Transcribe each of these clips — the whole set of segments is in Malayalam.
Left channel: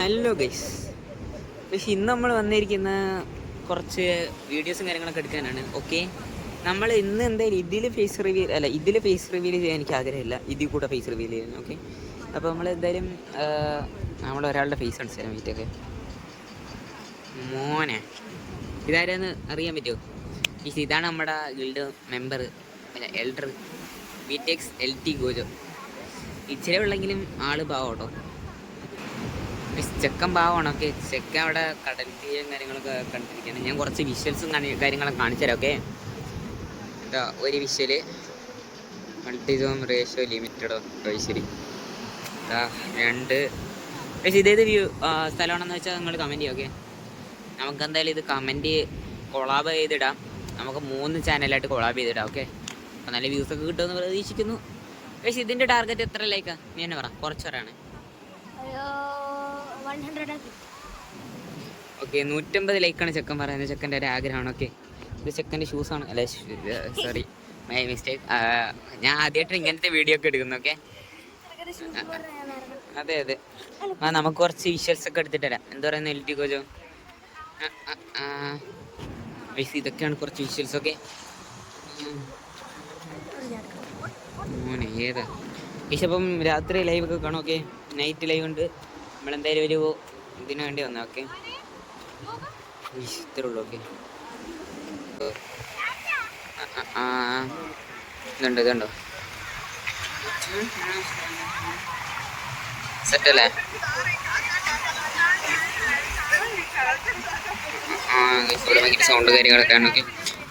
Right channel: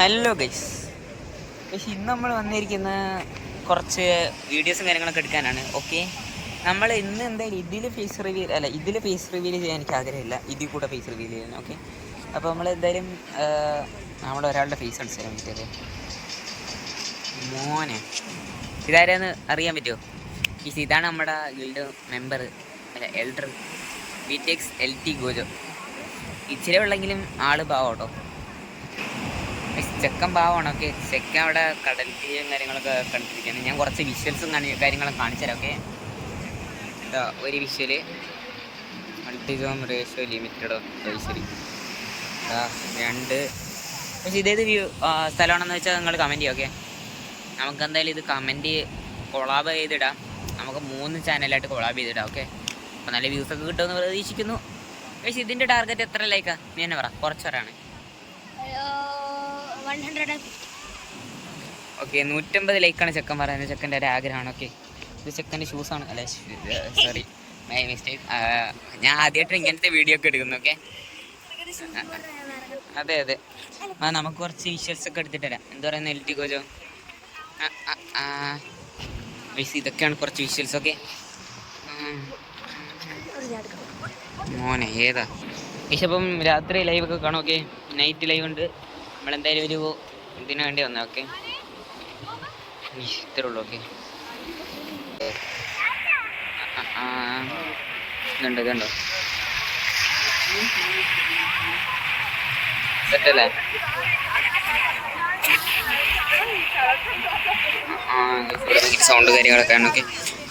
Hello guys. പക്ഷേ ഇന്ന് നമ്മൾ വന്നിരിക്കുന്ന കുറച്ച് വീഡിയോസും കാര്യങ്ങളൊക്കെ എടുക്കാനാണ്. ഓക്കെ, നമ്മൾ ഇന്ന് എന്തായാലും ഇതിൽ ഫേസ് റിവീൽ ചെയ്യാൻ എനിക്ക് ആഗ്രഹമില്ല, ഇതിൽ കൂടെ ഫേസ് റിവീൽ ചെയ്യാൻ. ഓക്കെ, അപ്പോൾ നമ്മൾ എന്തായാലും നമ്മളൊരാളുടെ ഫേസ് കാണിച്ചു തരാൻ പറ്റുമോ? മോനെ ഇതാരെന്ന് അറിയാൻ പറ്റുമോ? ഇതാണ് നമ്മുടെ ഗിൽഡ് മെമ്പർ, എൽഡർ വിടെക്സ് LT ഗോജോ. ഇച്ചിരി ഉള്ളെങ്കിലും ആള് പാവം കേട്ടോ, ചെക്കൻ പാവമാണ്. ഓക്കെ, ചെക്കൻ അവിടെ കടൽ തീയും കാര്യങ്ങളൊക്കെ കണ്ടിരിക്കുകയാണ്. ഞാൻ കുറച്ച് വിഷ്വൽസും കാര്യങ്ങളും കാണിച്ചു തരാം. ഓക്കെ, എന്താ ഒരു വിഷ്വല് മൾട്ടിസോം റേഷ്യോ ലിമിറ്റഡോ ശരി. രണ്ട് ഇതേത് സ്ഥലമാണെന്ന് വെച്ചാൽ നിങ്ങൾ കമൻറ്റ് ചെയ്യുക. ഓക്കെ, നമുക്ക് എന്തായാലും ഇത് കമൻറ്റ് കൊളാബ് ചെയ്തിടാം. നമുക്ക് 3 ചാനലായിട്ട് കൊളാബ് ചെയ്തിടാം. ഓക്കെ, അപ്പോൾ നല്ല വ്യൂസൊക്കെ കിട്ടുമെന്ന് പ്രതീക്ഷിക്കുന്നു. പക്ഷേ ഇതിൻ്റെ ടാർഗറ്റ് എത്ര ലൈക്കാ നീ തന്നെ പറ, കുറച്ച് പറയാണ്. ഓക്കെ, 150 ലൈക്കാണ് ചെക്കൻ പറയുന്നത്. ചെക്കൻ്റെ ഒരു ആഗ്രഹമാണ്. ഓക്കെ, ഇത് ചെക്കൻ്റെ ഷൂസാണ്. അല്ലേ, സോറി, മൈ മിസ്റ്റേക്ക്. ഞാൻ ആദ്യമായിട്ട് ഇങ്ങനത്തെ വീഡിയോ ഒക്കെ എടുക്കുന്നു. ഓക്കെ, അതെ അതെ. നമുക്ക് കുറച്ച് വിഷ്വൽസ് ഒക്കെ എടുത്തിട്ട് തരാം. എന്താ പറയുന്നത് LT ഗോജോ? ഇതൊക്കെയാണ് കുറച്ച് വിഷ്വൽസ്. ഓക്കെ മോനെ ഏതാ ഇപ്പം രാത്രി ലൈവൊക്കെ കാണും. ഓക്കെ, നൈറ്റ് ലൈവ് ഉണ്ട്. നമ്മളെന്തായാലും ഒരു ഇതിനു വേണ്ടി വന്നേ. ഓക്കെ, ഇത്രേ ഉള്ളൂ. ഓക്കെ, ഇതുണ്ടോ സെറ്റല്ലേ? ഇവിടെ ഭയങ്കര സൗണ്ട് കാര്യങ്ങളൊക്കെ ആണ്. ഓക്കെ,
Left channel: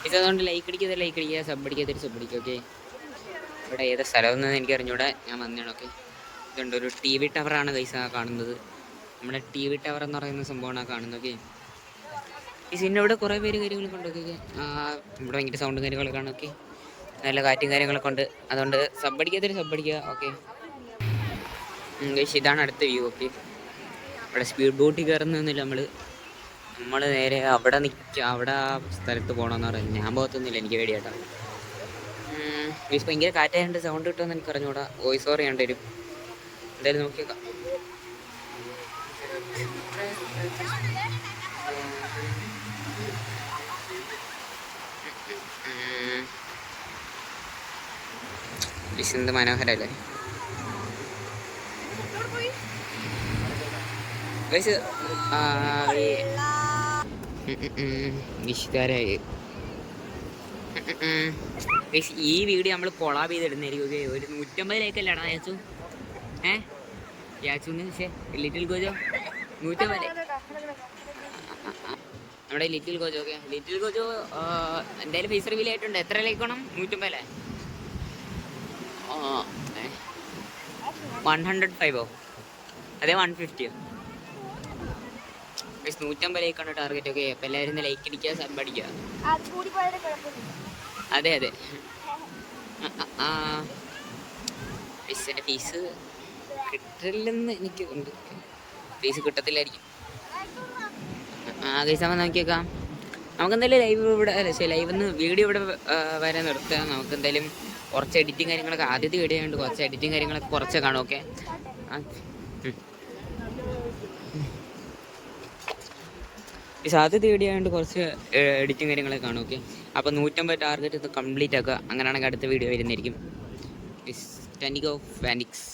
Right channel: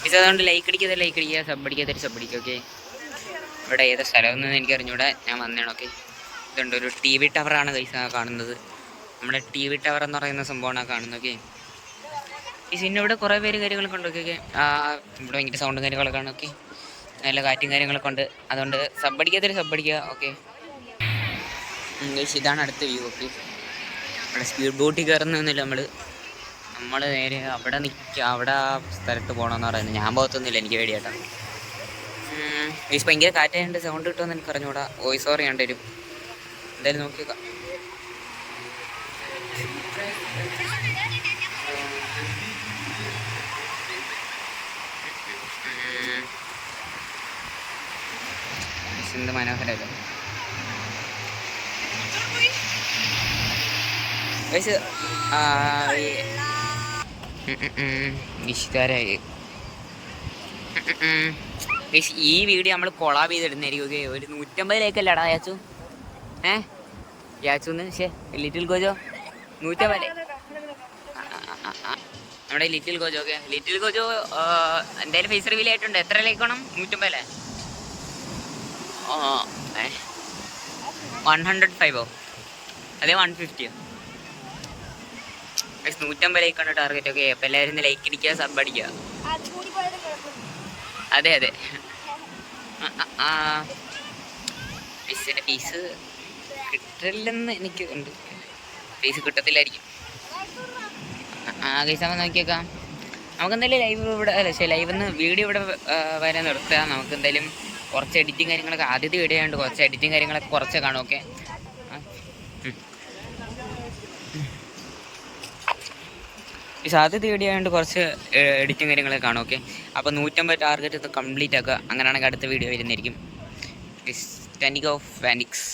ഇത് അതുകൊണ്ട് ലൈക്ക് അടിക്കുക, സബ് അടിക്കുക. ഓക്കെ, ഇവിടെ ഏതാ സ്ഥലമൊന്നും എനിക്ക് അറിഞ്ഞൂടെ, ഞാൻ വന്നതാണ്. ഓക്കെ, ഇതുണ്ട് ഒരു TV ടവറാണ് ഗൈസ് കാണുന്നത്. നമ്മുടെ TV ടവർ എന്ന് പറയുന്ന സംഭവമാണ് കാണുന്നത്. ഓക്കെ, ഇവിടെ കുറേ പേര് കാര്യങ്ങളൊക്കെ ഉണ്ട്. ഓക്കെ, ഇവിടെ ഭയങ്കര സൗണ്ടും കാര്യങ്ങളൊക്കെ ആണ്. ഓക്കെ, നല്ല കാറ്റും കാര്യങ്ങളൊക്കെ ഉണ്ട്. അതുകൊണ്ട് സബ് അടിക്കുക. ഓക്കെ ഗൈസ്, ഇതാണ് അടുത്ത വ്യൂ. ഓക്കെ, ഇവിടെ സ്പീഡ് ബോട്ടിൽ കയറുന്നൊന്നുമില്ല. നമ്മൾ നേരെ അവിടെ അവിടെ ആ സ്ഥലത്ത് പോകണമെന്ന് പറയുന്നത്. ഞാൻ പോകത്തൊന്നുമില്ല, എനിക്ക് പേടിയായിട്ടാണ്. ഗൈസ് ഭയങ്കര കാറ്റായതുകൊണ്ട് സൗണ്ട് കിട്ടുമെന്ന് എനിക്ക് അറിഞ്ഞൂടാ. വോയിസ് ഓവർ ചെയ്യേണ്ടി വരും. എന്തായാലും നോക്കിയേക്കാം. എന്ത് മനോഹരല്ലേ ഗൈസ്. ഈ വീഡിയോ നമ്മൾ കൊളാബ് ചെയ്തിടുന്നായിരിക്കും. ഒരു 150 ലൈക്കല്ലടാ യാച്ചു? യാച്ചുന്ന് ലിറ്റിൽ ഗോജോ 150 നമ്മുടെ little Gojo. Okay, little Gojo എന്തായാലും ഫേസ് റിവീൽ ആയിട്ടുണ്ട്. എത്ര ലൈക്ക് വേണം? 150 അല്ലേ? 105ഓ അതെ 150ഓ? 150 ലൈക്കാണ് ടാർഗറ്റ്. ഓക്കെ, അപ്പം എല്ലാവരും ലൈക്ക് അടിക്കുക, സബ് അടിക്കുക. അതെ ഫീസിൻ്റെ ഫീസ് കിട്ടില്ലെന്ന് എനിക്ക് ഉണ്ട്. ഫീസ് കിട്ടത്തില്ലായിരിക്കും. കേസാകുമ്പോൾ നോക്കിയേക്കാം. നമുക്കെന്തായാലും ലൈവ് ഇവിടെ ലൈവെന്ന് വീഡിയോ ഇവിടെ വരെ നിർത്തുക. നമുക്കെന്തായാലും കുറച്ച് എഡിറ്റിങ് കാര്യങ്ങളൊക്കെ, ആദ്യത്തെ വീഡിയോ ആയതുകൊണ്ട് കുറച്ച് എഡിറ്റിങ് കാര്യങ്ങളൊക്കെ കുറച്ച് കാണും. ഓക്കെ, ആദ്യത്തെ വീഡിയോ ആയതുകൊണ്ട് കുറച്ച് എഡിറ്റിങ് കാര്യങ്ങളൊക്കെ കാണും. ഓക്കെ, അപ്പോൾ 150 ടാർഗറ്റ് ഇത് കംപ്ലീറ്റ് ആക്കുക. അങ്ങനെയാണെങ്കിൽ അടുത്ത വീഡിയോ വരുന്നതായിരിക്കും. 20 ഓഫ് ഫാനിക്സ്.